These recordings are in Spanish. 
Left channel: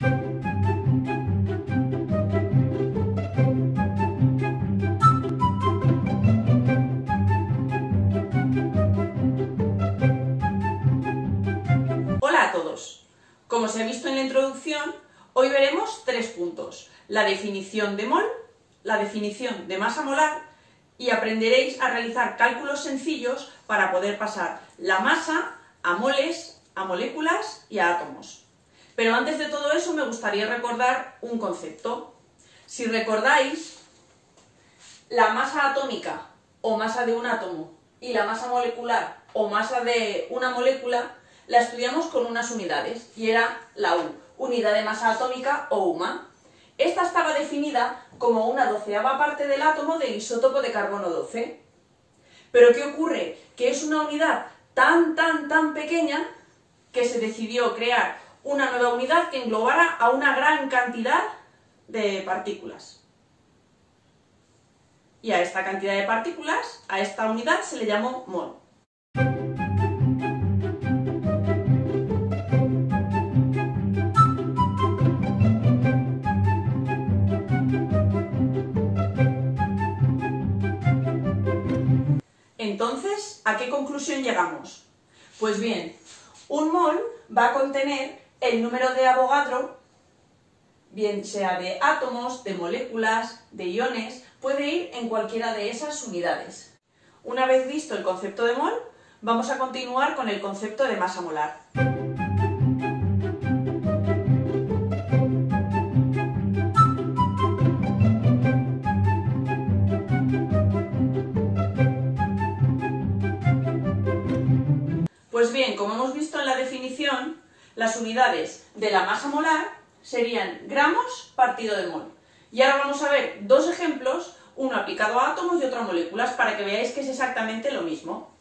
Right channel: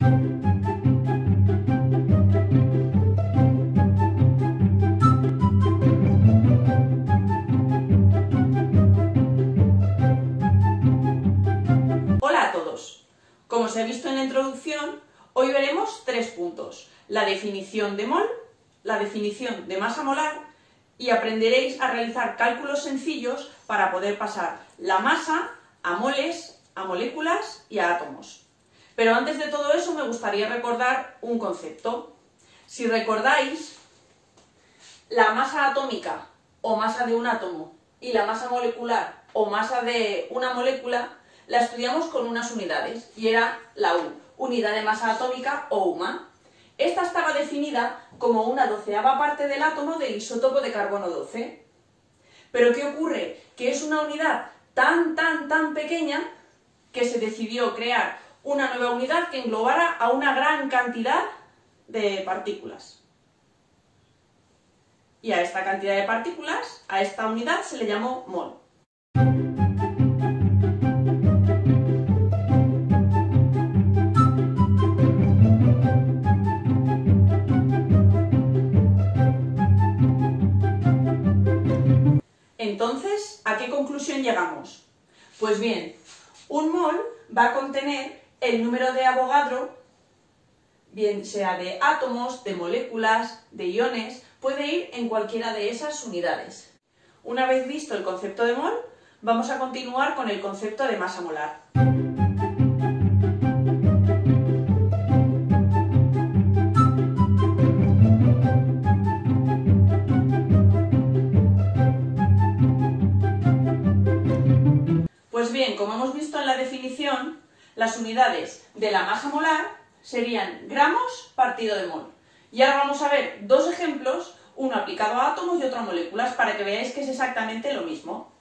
Hola a todos. Como se ha visto en la introducción, hoy veremos 3 puntos: la definición de mol, la definición de masa molar, y aprenderéis a realizar cálculos sencillos para poder pasar la masa a moles, a moléculas y a átomos. Pero antes de todo eso me gustaría recordar un concepto. Si recordáis, la masa atómica o masa de un átomo y la masa molecular o masa de una molécula la estudiamos con unas unidades y era la U, unidad de masa atómica o UMA. Esta estaba definida como una 12ª parte del átomo del isótopo de carbono 12. Pero ¿qué ocurre? Que es una unidad tan pequeña que se decidió crear una nueva unidad que englobara a una gran cantidad de partículas. Y a esta cantidad de partículas, a esta unidad, se le llamó mol. Entonces, ¿a qué conclusión llegamos? Pues bien, un mol va a contener el número de Avogadro, bien sea de átomos, de moléculas, de iones, puede ir en cualquiera de esas unidades. Una vez visto el concepto de mol, vamos a continuar con el concepto de masa molar. Pues bien, como hemos visto en la definición, las unidades de la masa molar serían gramos partido de mol. Y ahora vamos a ver 2 ejemplos, uno aplicado a átomos y otro a moléculas, para que veáis que es exactamente lo mismo.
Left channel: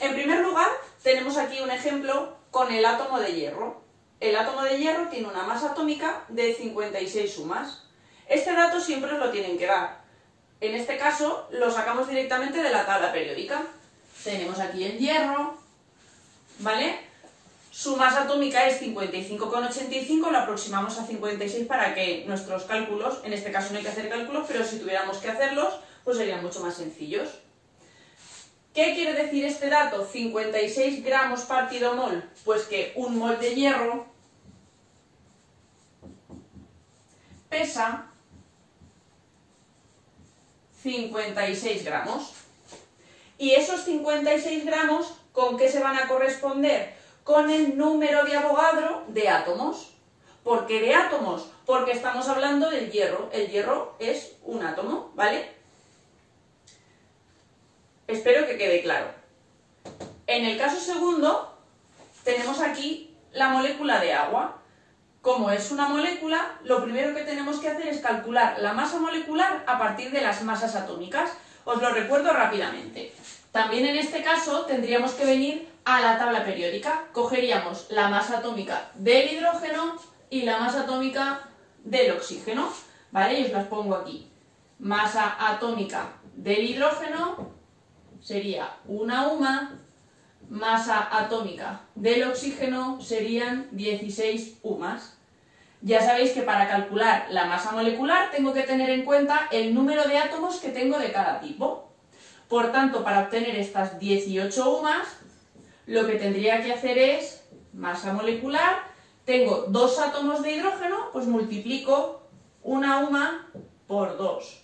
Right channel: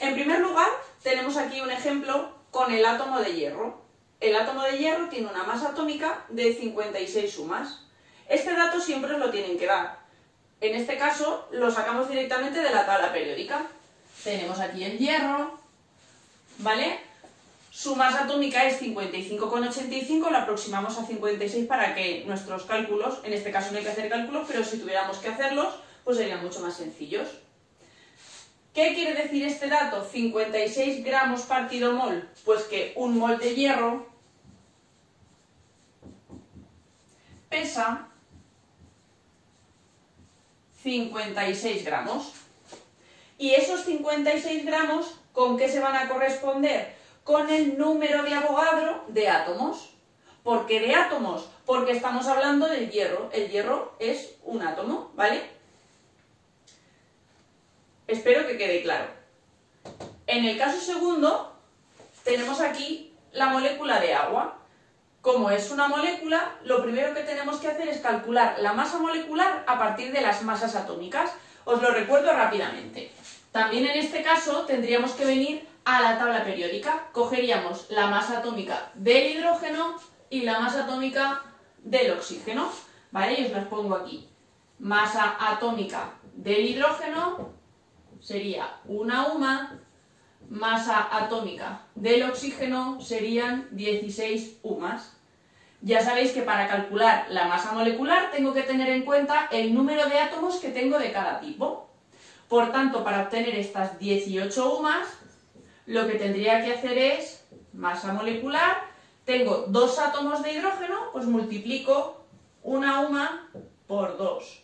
En primer lugar, tenemos aquí un ejemplo con el átomo de hierro. El átomo de hierro tiene una masa atómica de 56 UMAs. Este dato siempre os lo tienen que dar. En este caso, lo sacamos directamente de la tabla periódica. Tenemos aquí el hierro, ¿vale? Su masa atómica es 55,85, lo aproximamos a 56 para que nuestros cálculos, en este caso no hay que hacer cálculos, pero si tuviéramos que hacerlos, pues serían mucho más sencillos. ¿Qué quiere decir este dato? 56 gramos partido mol. Pues que un mol de hierro pesa 56 gramos. Y esos 56 gramos, ¿con qué se van a corresponder? Con el número de Avogadro de átomos. ¿Por qué de átomos? Porque estamos hablando del hierro. El hierro es un átomo, ¿vale? Espero que quede claro. En el caso segundo, tenemos aquí la molécula de agua. Como es una molécula, lo primero que tenemos que hacer es calcular la masa molecular a partir de las masas atómicas. Os lo recuerdo rápidamente. También en este caso tendríamos que venir a la tabla periódica. Cogeríamos la masa atómica del hidrógeno y la masa atómica del oxígeno, ¿vale? Y os las pongo aquí. Masa atómica del hidrógeno sería una UMA, masa atómica del oxígeno serían 16 UMAs. Ya sabéis que para calcular la masa molecular tengo que tener en cuenta el número de átomos que tengo de cada tipo. Por tanto, para obtener estas 18 UMAs, lo que tendría que hacer es masa molecular. Tengo 2 átomos de hidrógeno, pues multiplico una UMA por 2.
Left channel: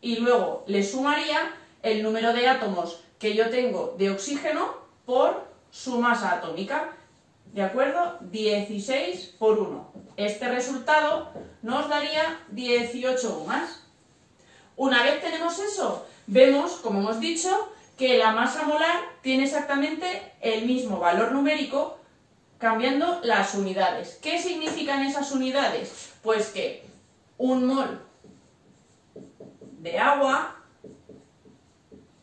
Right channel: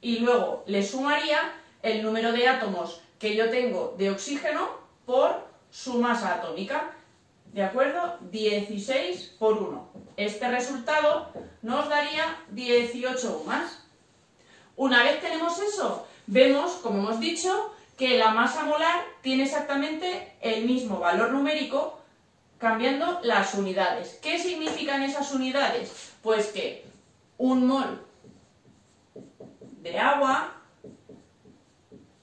Y luego le sumaría el número de átomos que yo tengo de oxígeno por su masa atómica. ¿De acuerdo? 16 por 1. Este resultado nos daría 18 UMAs. Una vez tenemos eso, vemos, como hemos dicho, que la masa molar tiene exactamente el mismo valor numérico cambiando las unidades. ¿Qué significan esas unidades? Pues que un mol de agua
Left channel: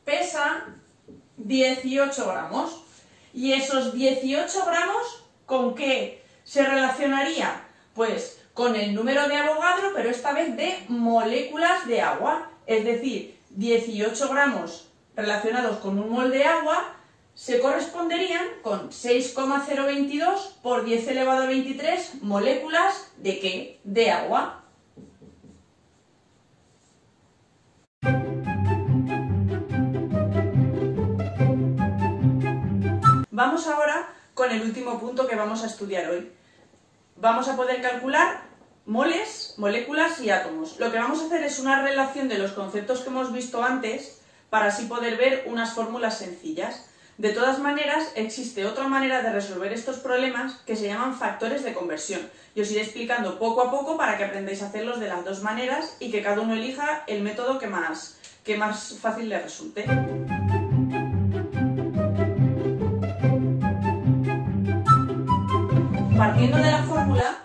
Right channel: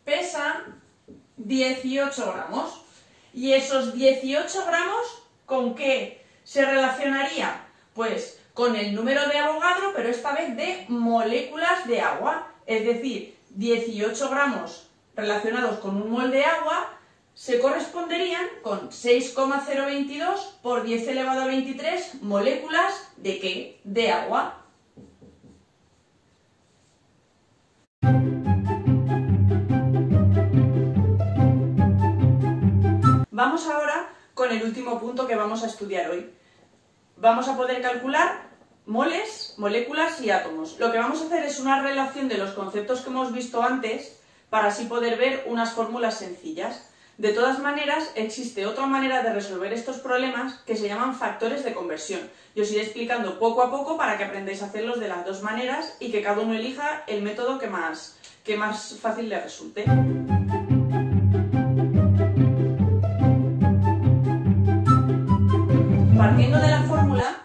pesa 18 gramos. Y esos 18 gramos, ¿con qué se relacionaría? Pues con el número de Avogadro, pero esta vez de moléculas de agua. Es decir, 18 gramos relacionados con un mol de agua se corresponderían con 6,022 por 10 elevado a 23 moléculas ¿de qué? De agua. Vamos ahora con el último punto que vamos a estudiar hoy. Vamos a poder calcular moles, moléculas y átomos. Lo que vamos a hacer es una relación de los conceptos que hemos visto antes para así poder ver unas fórmulas sencillas. De todas maneras, existe otra manera de resolver estos problemas que se llaman factores de conversión. Yo os iré explicando poco a poco para que aprendáis a hacerlos de las dos maneras y que cada uno elija el método que más fácil le resulte. Partiendo de la fórmula,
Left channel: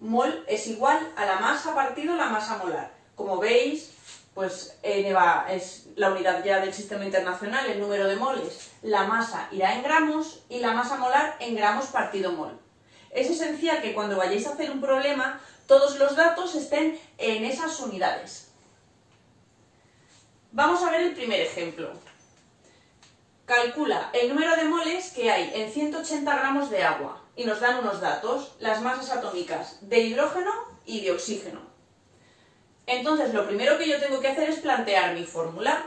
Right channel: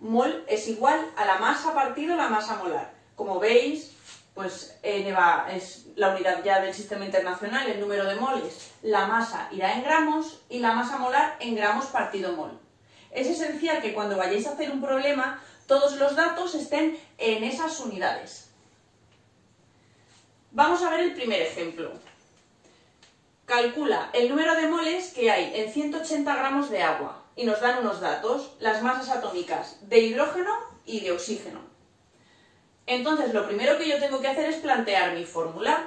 mol es igual a la masa partido la masa molar. Como veis, pues N es la unidad ya del sistema internacional, el número de moles. La masa irá en gramos y la masa molar en gramos partido mol. Es esencial que cuando vayáis a hacer un problema, todos los datos estén en esas unidades. Vamos a ver el primer ejemplo. Calcula el número de moles que hay en 180 gramos de agua y nos dan unos datos, las masas atómicas de hidrógeno y de oxígeno. Entonces, lo primero que yo tengo que hacer es plantear mi fórmula.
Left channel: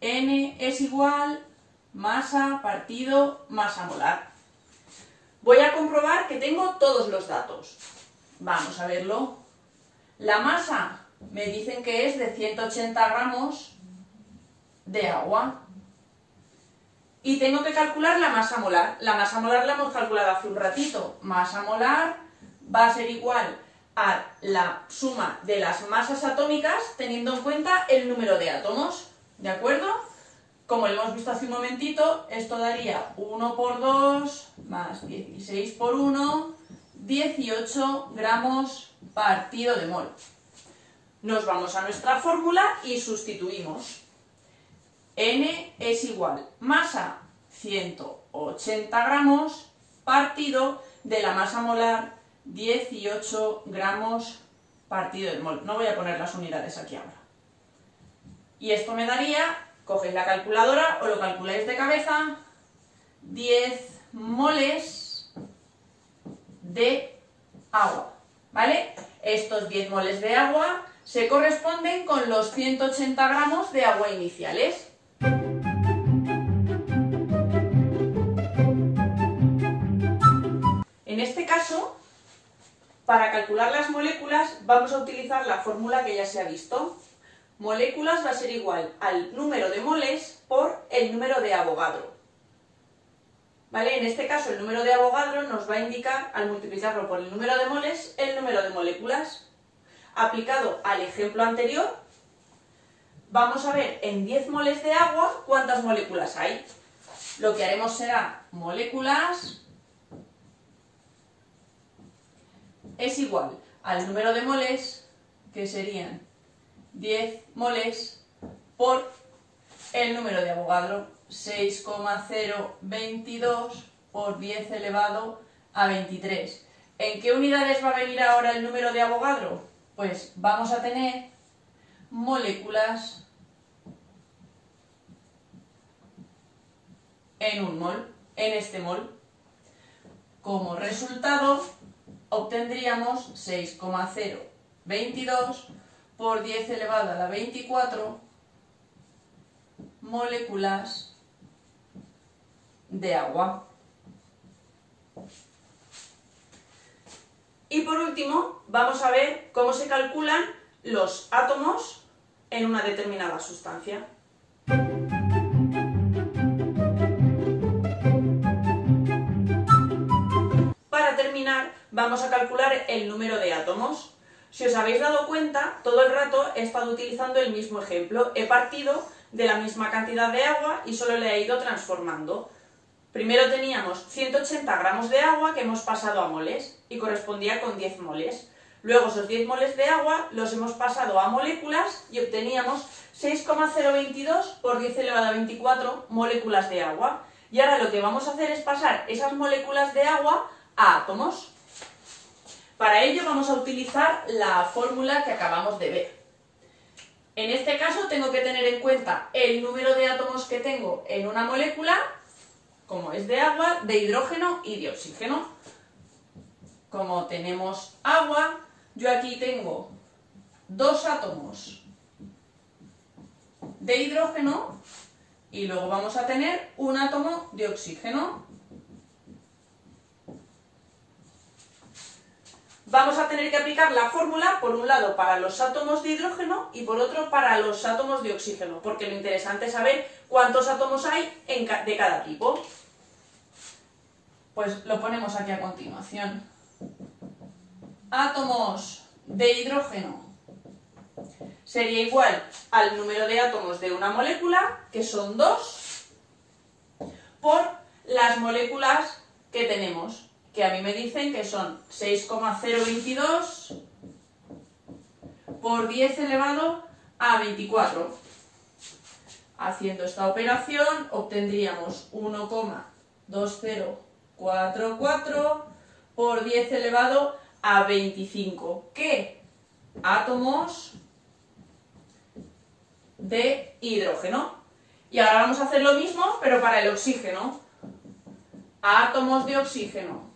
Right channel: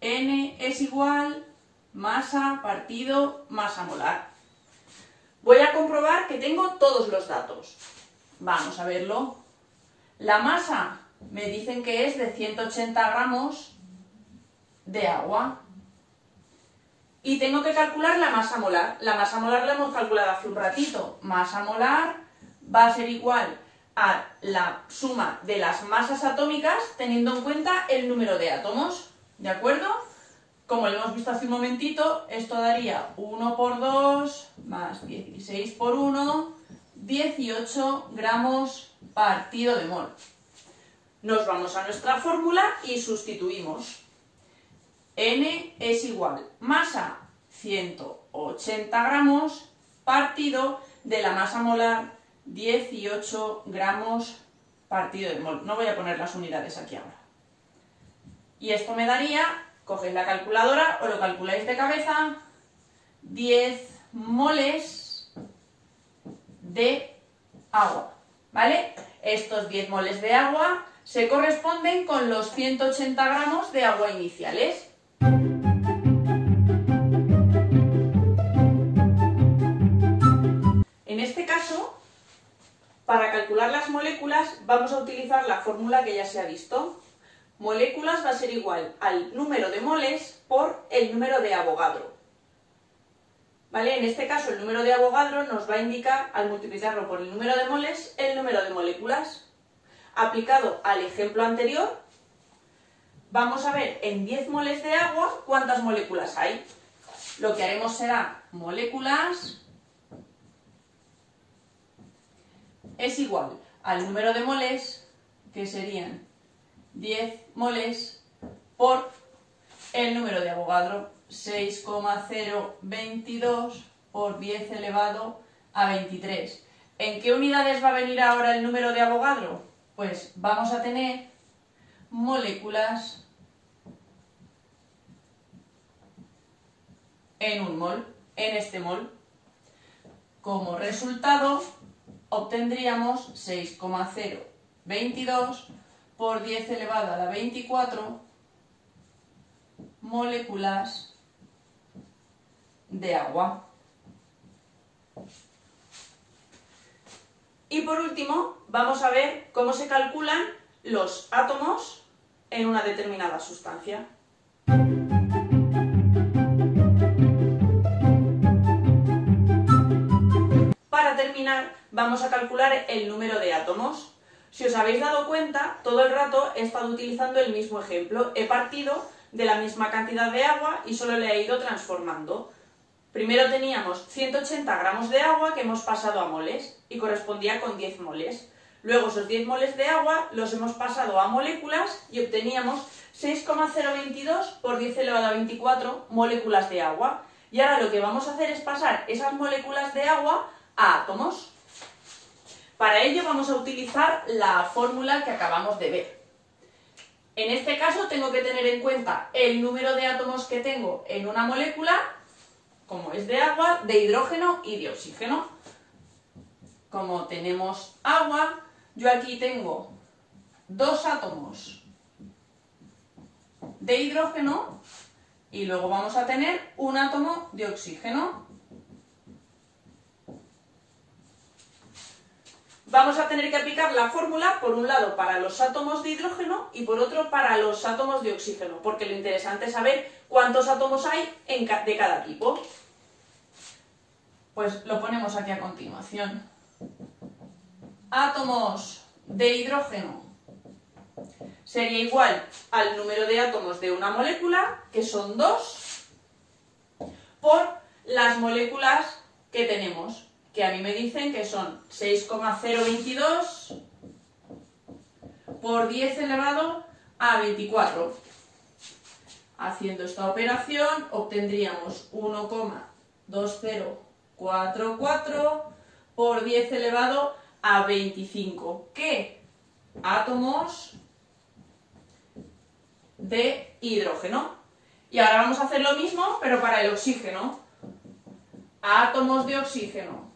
N es igual masa partido masa molar. Voy a comprobar que tengo todos los datos. Vamos a verlo. La masa me dicen que es de 180 gramos de agua. Y tengo que calcular la masa molar. La masa molar la hemos calculado hace un ratito. Masa molar va a ser igual a la suma de las masas atómicas teniendo en cuenta el número de átomos. ¿De acuerdo? Como lo hemos visto hace un momentito, esto daría 1 por 2 más 16 por 1, 18 gramos partido de mol. Nos vamos a nuestra fórmula y sustituimos. N es igual masa 180 gramos partido de la masa molar 18 gramos partido de mol. No voy a poner las unidades aquí ahora. Y esto me daría, cogéis la calculadora o lo calculáis de cabeza, 10 moles de agua. ¿Vale? Estos 10 moles de agua se corresponden con los 180 gramos de agua iniciales. En este caso, para calcular las moléculas vamos a utilizar la fórmula que ya se ha visto. Moléculas va a ser igual al número de moles por el número de Avogadro. ¿Vale? En este caso el número de Avogadro nos va a indicar, al multiplicarlo por el número de moles, el número de moléculas. Aplicado al ejemplo anterior, vamos a ver en 10 moles de agua cuántas moléculas hay. Lo que haremos será moléculas es igual al número de moles, que serían 10 moles, por el número de Avogadro, 6,022 por 10 elevado a 23. ¿En qué unidades va a venir ahora el número de Avogadro? Pues vamos a tener moléculas en un mol, en este mol. Como resultado, obtendríamos 6,022 por 10 elevado a la 24 moléculas de agua. Y por último, vamos a ver cómo se calculan los átomos en una determinada sustancia. Para terminar, vamos a calcular el número de átomos. Si os habéis dado cuenta, todo el rato he estado utilizando el mismo ejemplo. He partido de la misma cantidad de agua y solo le he ido transformando. Primero teníamos 180 gramos de agua que hemos pasado a moles y correspondía con 10 moles. Luego esos 10 moles de agua los hemos pasado a moléculas y obteníamos 6,022 por 10 elevado a 24 moléculas de agua. Y ahora lo que vamos a hacer es pasar esas moléculas de agua a átomos. Para ello vamos a utilizar la fórmula que acabamos de ver. En este caso tengo que tener en cuenta el número de átomos que tengo en una molécula, como es de agua, de hidrógeno y de oxígeno. Como tenemos agua, yo aquí tengo 2 átomos de hidrógeno y luego vamos a tener un átomo de oxígeno. Vamos a tener que aplicar la fórmula, por un lado, para los átomos de hidrógeno y por otro para los átomos de oxígeno, porque lo interesante es saber cuántos átomos hay de cada tipo. Pues lo ponemos aquí a continuación. Átomos de hidrógeno sería igual al número de átomos de una molécula, que son 2, por las moléculas que tenemos, que a mí me dicen que son 6,022 por 10 elevado a 24. Haciendo esta operación obtendríamos 1,2044 por 10 elevado a 25, que átomos de hidrógeno. Y ahora vamos a hacer lo mismo, pero para el oxígeno. Átomos de oxígeno.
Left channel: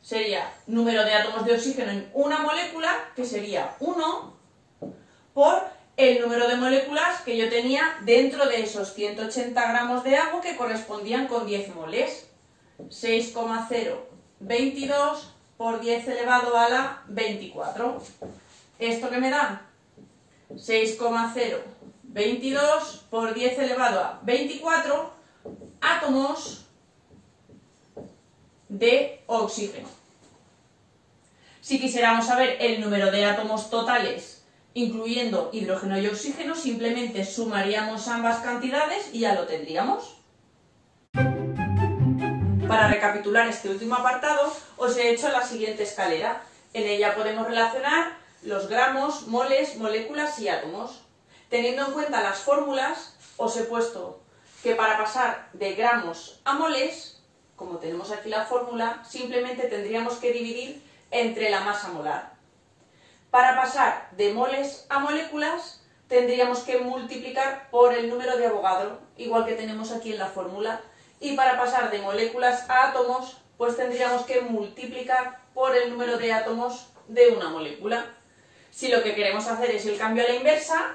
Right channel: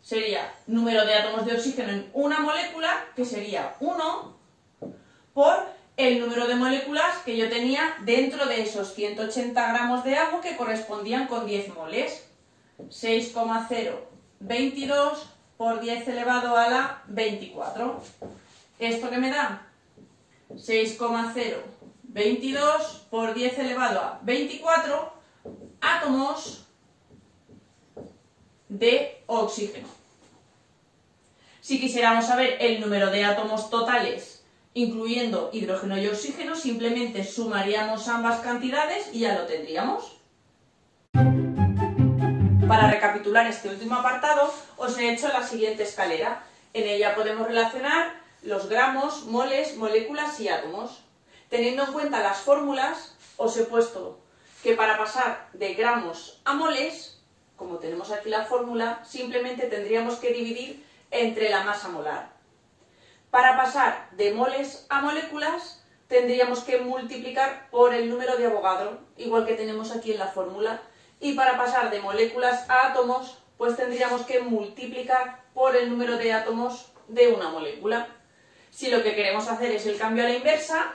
Sería número de átomos de oxígeno en una molécula, que sería 1, por el número de moléculas que yo tenía dentro de esos 180 gramos de agua que correspondían con 10 moles. 6,022 por 10 elevado a la 24. ¿Esto qué me da? 6,022 por 10 elevado a 24 átomos de oxígeno. Si quisiéramos saber el número de átomos totales, incluyendo hidrógeno y oxígeno, simplemente sumaríamos ambas cantidades y ya lo tendríamos. Para recapitular este último apartado, os he hecho la siguiente escalera. En ella podemos relacionar los gramos, moles, moléculas y átomos. Teniendo en cuenta las fórmulas, os he puesto que para pasar de gramos a moles, como tenemos aquí la fórmula, simplemente tendríamos que dividir entre la masa molar. Para pasar de moles a moléculas, tendríamos que multiplicar por el número de Avogadro, igual que tenemos aquí en la fórmula. Y para pasar de moléculas a átomos, pues tendríamos que multiplicar por el número de átomos de una molécula. Si lo que queremos hacer es el cambio a la inversa,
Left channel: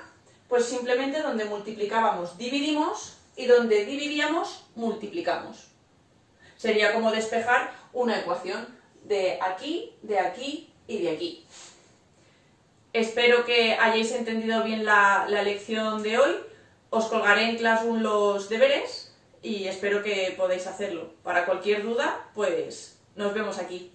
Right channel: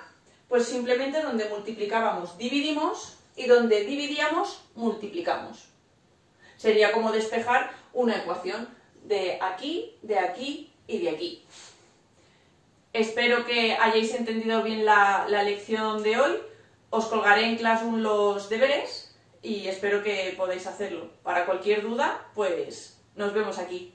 pues simplemente donde multiplicábamos dividimos y donde dividíamos multiplicamos. Sería como despejar una ecuación de aquí y de aquí. Espero que hayáis entendido bien la lección de hoy. Os colgaré en Classroom los deberes y espero que podáis hacerlo. Para cualquier duda, pues nos vemos aquí.